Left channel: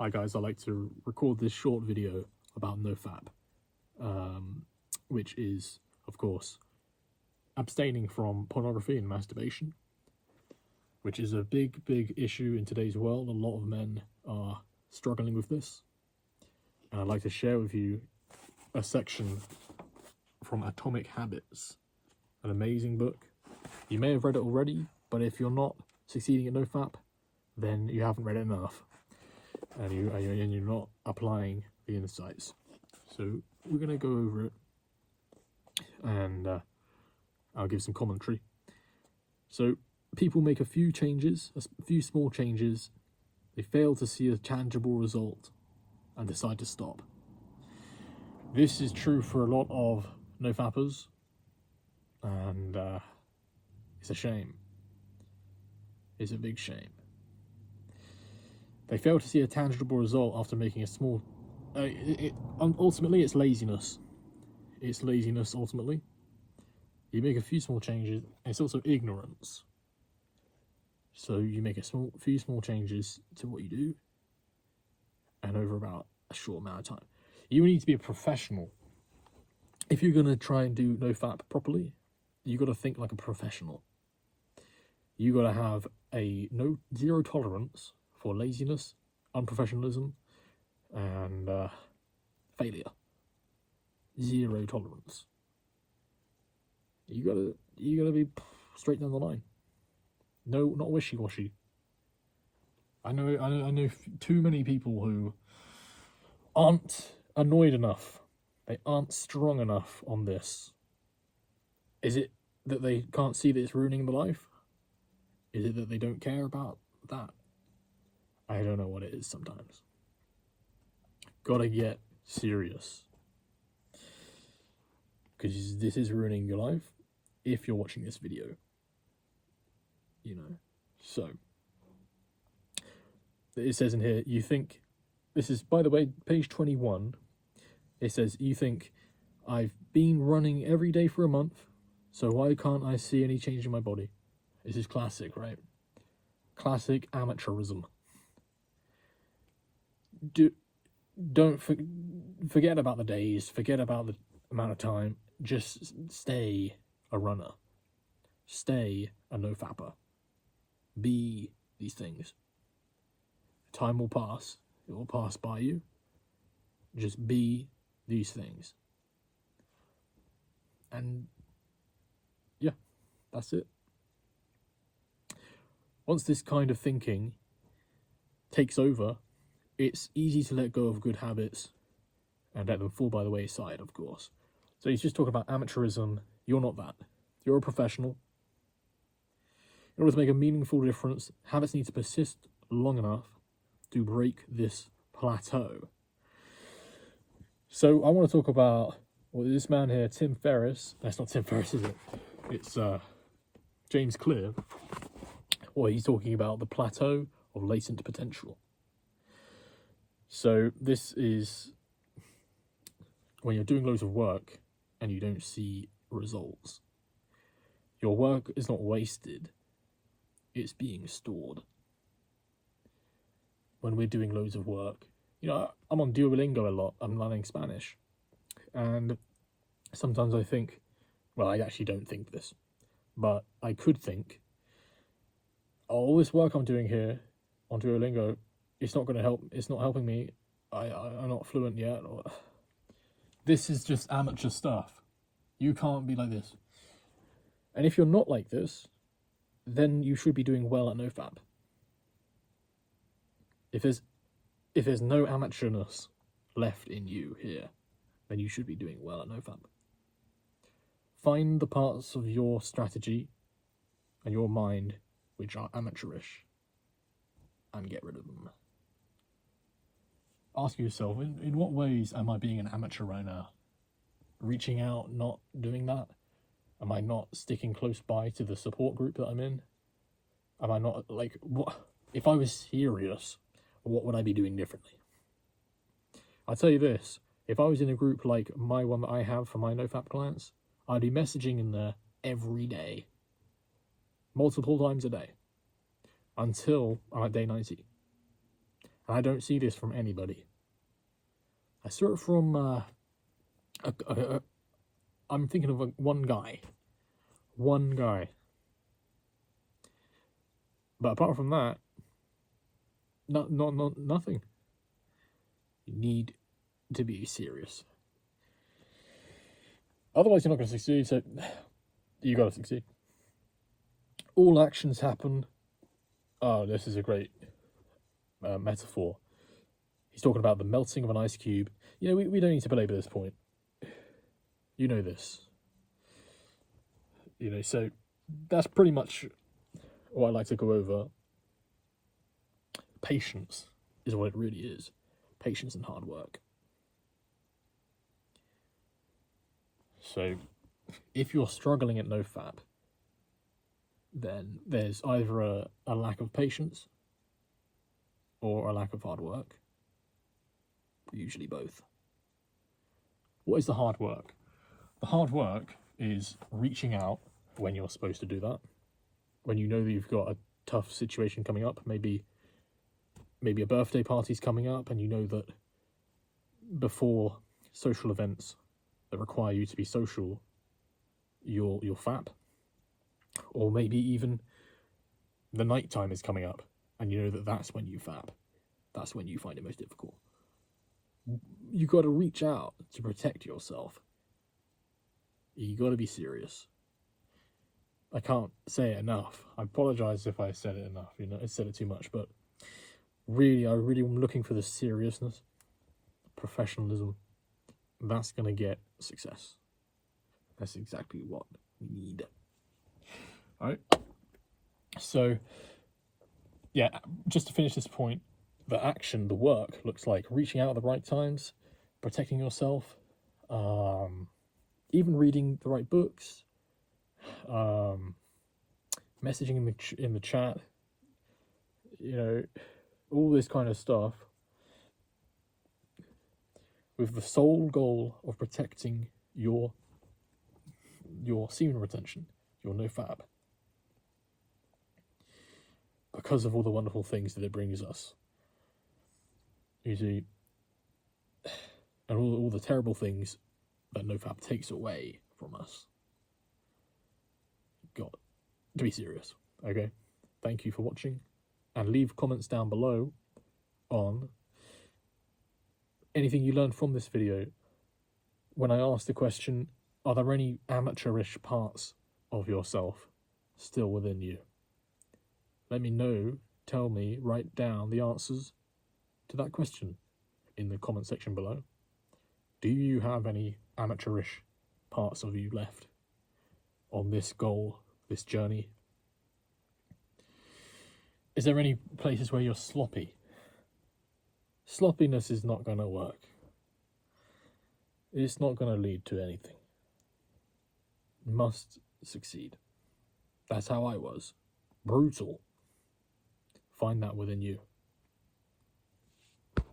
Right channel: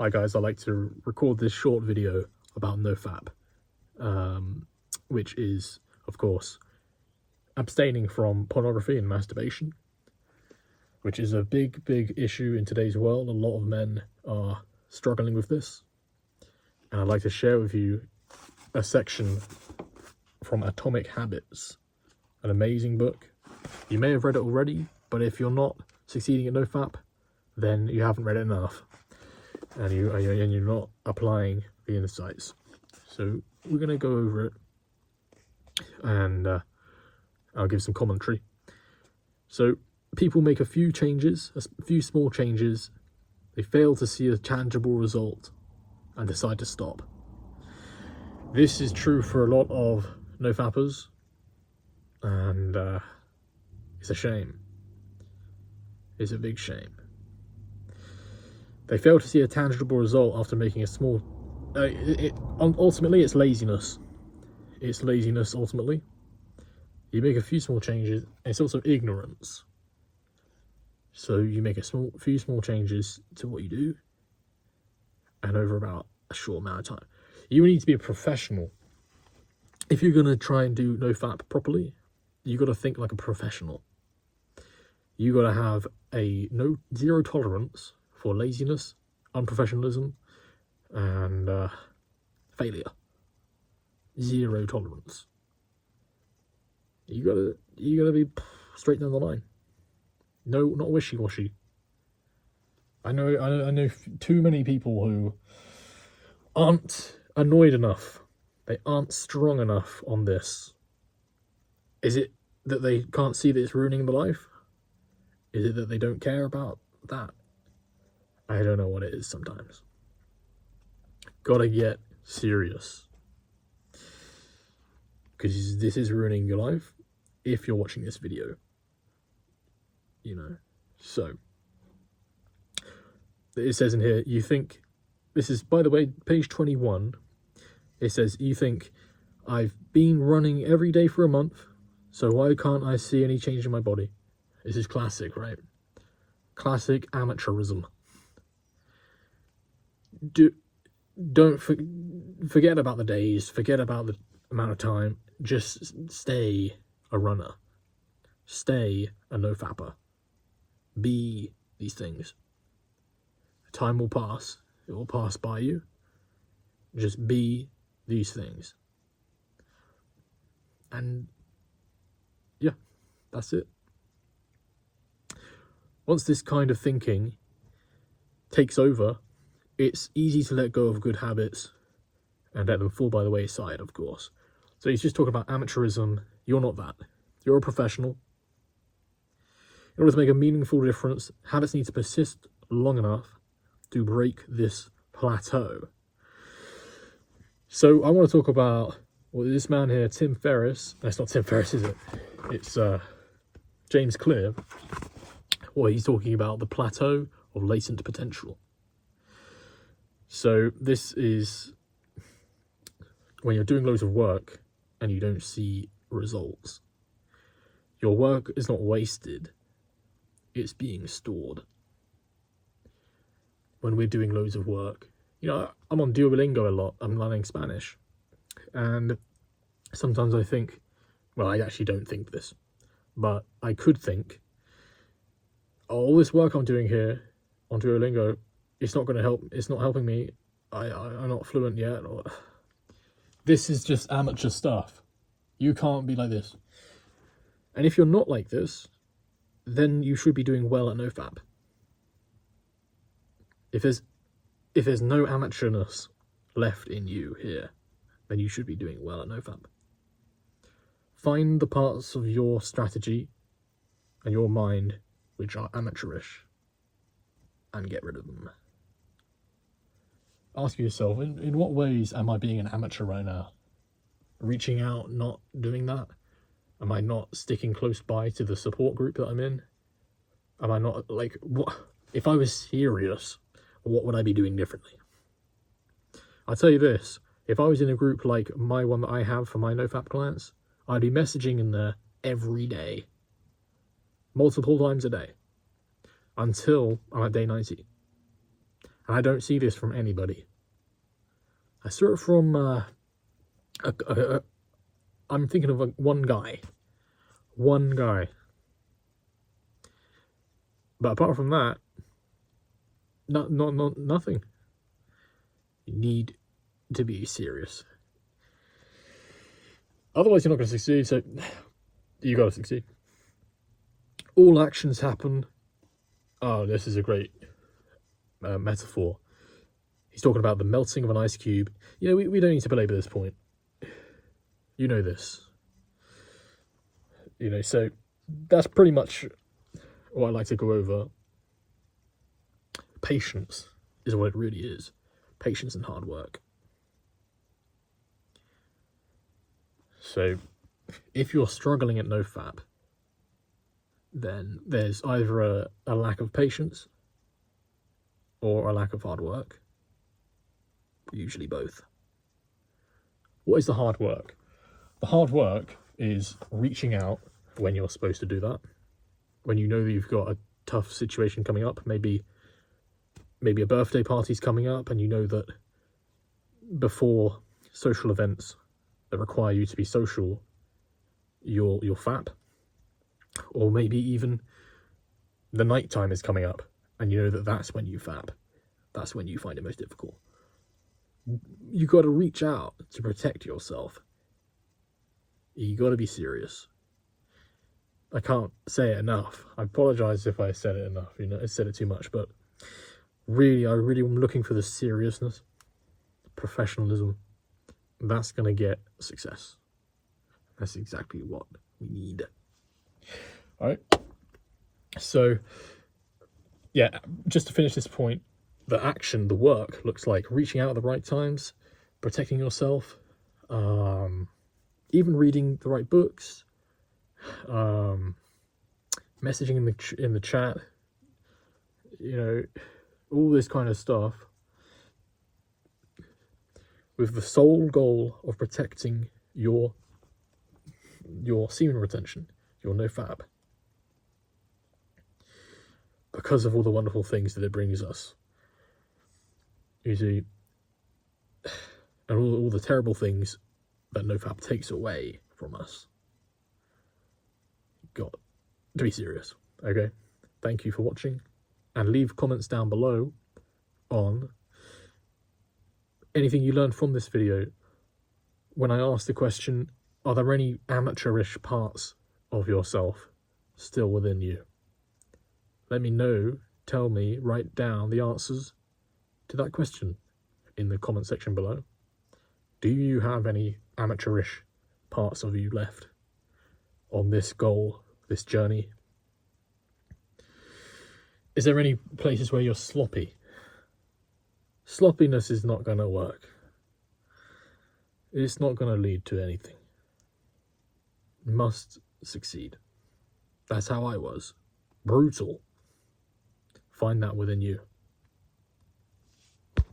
Hi guys, I'd like to record this short video about NoFap, which is, of course, abstaining from pornography and masturbation, which is a big issue in today's world. A lot of men are struggling with this, and I'd like to share with you a section from Atomic Habits, an amazing book. You may have read it already, but if you're not succeeding at NoFap, then you haven't read it enough. And you're not applying the insights. So we're going to go over it, and I'll give some commentary. So people make a few changes, a few small changes. They fail to see a tangible result and decide to stop. This is true for a lot of NoFappers, and it's a shame. It's a big shame. They fail to see a tangible result after making a small... ultimately, it's laziness. It's laziness, ultimately. You make a few small changes, and it's also ignorance. So you make few small changes to what you do, and over about a short amount of time. You need to be a professional. If you're going to try and do NoFap properly, you got to think like a professional. You got to have zero tolerance for laziness, unprofessionalism, and failure. Zero tolerance. You gotta be straight down the line. No, not wishy-washy. I know too many people who aren't annoyed enough. They aren't strong enough on this. Is it that they can't see that it's ruining their life? Is it that they don't care about that? I don't know what it is sometimes. Gotta get serious. Because this is ruining your life if you're watching this video. You know. So, it says in here, you think, this is, by the way, page 21. It says, you think, I've been running every day for a month, so why can't I see any change in my body? This is classic, right? Classic amateurism. Don't forget about the days, forget about the amount of time, just stay a runner, stay a NoFapper, be these things. Time will pass, it will pass by you, just be these things. And yeah, that's it. Once this kind of thinking takes over, it's easy to let go of good habits and let them fall by the wayside, of course. So he's just talking about amateurism. You're not that. You're a professional. In order to make a meaningful difference, habits need to persist long enough to break this plateau. So I want to talk about this man here, Tim Ferriss. That's not Tim Ferriss, is it? It's James Clear. Well, he's talking about the plateau of latent potential. So this is when you're doing loads of work and you don't see results. Your work is not wasted, it's being stored. When we're doing loads of work, you know, I'm on Duolingo a lot, I'm learning Spanish, and sometimes I think, well, I actually don't think this, but I could think, all this work I'm doing here on Duolingo, it's not going to help, it's not helping me, I'm not fluent yet, or this is just amateur stuff. You can't be like this. And if you're not like this, then you should be doing well at NoFap. If there's no amateurness left in you here, then you should be doing well at NoFap. Find the parts of your strategy and your mind which are amateurish and get rid of them. Ask yourself, in what ways am I being an amateur right now? Reaching out, not doing that? Am I not sticking close by to the support group that I'm in? Am I not, like, what? If I was serious, what would I be doing differently? I'll tell you this, if I was in a group like my one that I have for my NoFap clients, I'd be messaging in there every day, multiple times a day, until I'm at day 90. And I don't see this from anybody. I saw it from, I'm thinking of one guy. One guy. But apart from that, nothing. You need to be serious. Otherwise, you're not going to succeed, so you got to succeed. All actions happen. Oh, this is a great metaphor. He's talking about the melting of an ice cube. You know, we don't need to belabor this point. You know this. You know, so that's pretty much what I like to go over. Patience is what it really is. Patience and hard work. So, if you're struggling at NoFap, then there's either a lack of patience or a lack of hard work. Usually both. What is the hard work? The hard work is reaching out when you're supposed to do that. When you know that you've got a tough situation coming up, maybe a birthday party's coming up, and you know that before social events that require you to be social, you'll fap. Or maybe even the night time is coming up, and you know that that's when you fap. That's when you find it most difficult. You got to reach out to protect yourself. You got to be serious. I can't say it enough. I apologize if I said it enough. You know, I said it too much, but really, I really am looking for the seriousness, professionalism. That's going to get success. That's exactly what we need. All right. So, yeah, just to finish this point, the action, the work looks like reaching out at the right times, protecting yourself, even reading the right books, messaging in the chat, you know, all this kind of stuff, with the sole goal of protecting your semen retention, your NoFap, because of all the wonderful things that it brings us. You see, and all the terrible things that NoFap takes away from us. Got to be serious, okay? Thank you for watching, and leave comments down below on anything you learned from this video. When I asked the question, are there any amateurish parts of yourself still within you? Let me know, tell me, write down the answers to that question in the comment section below. Do you have any amateurish parts of you left on this goal, this journey? Is there any places where you're sloppy? Sloppiness is not going to work. It's not going to lead to anything. You must succeed. That's how I was. Brutal. Find that within you.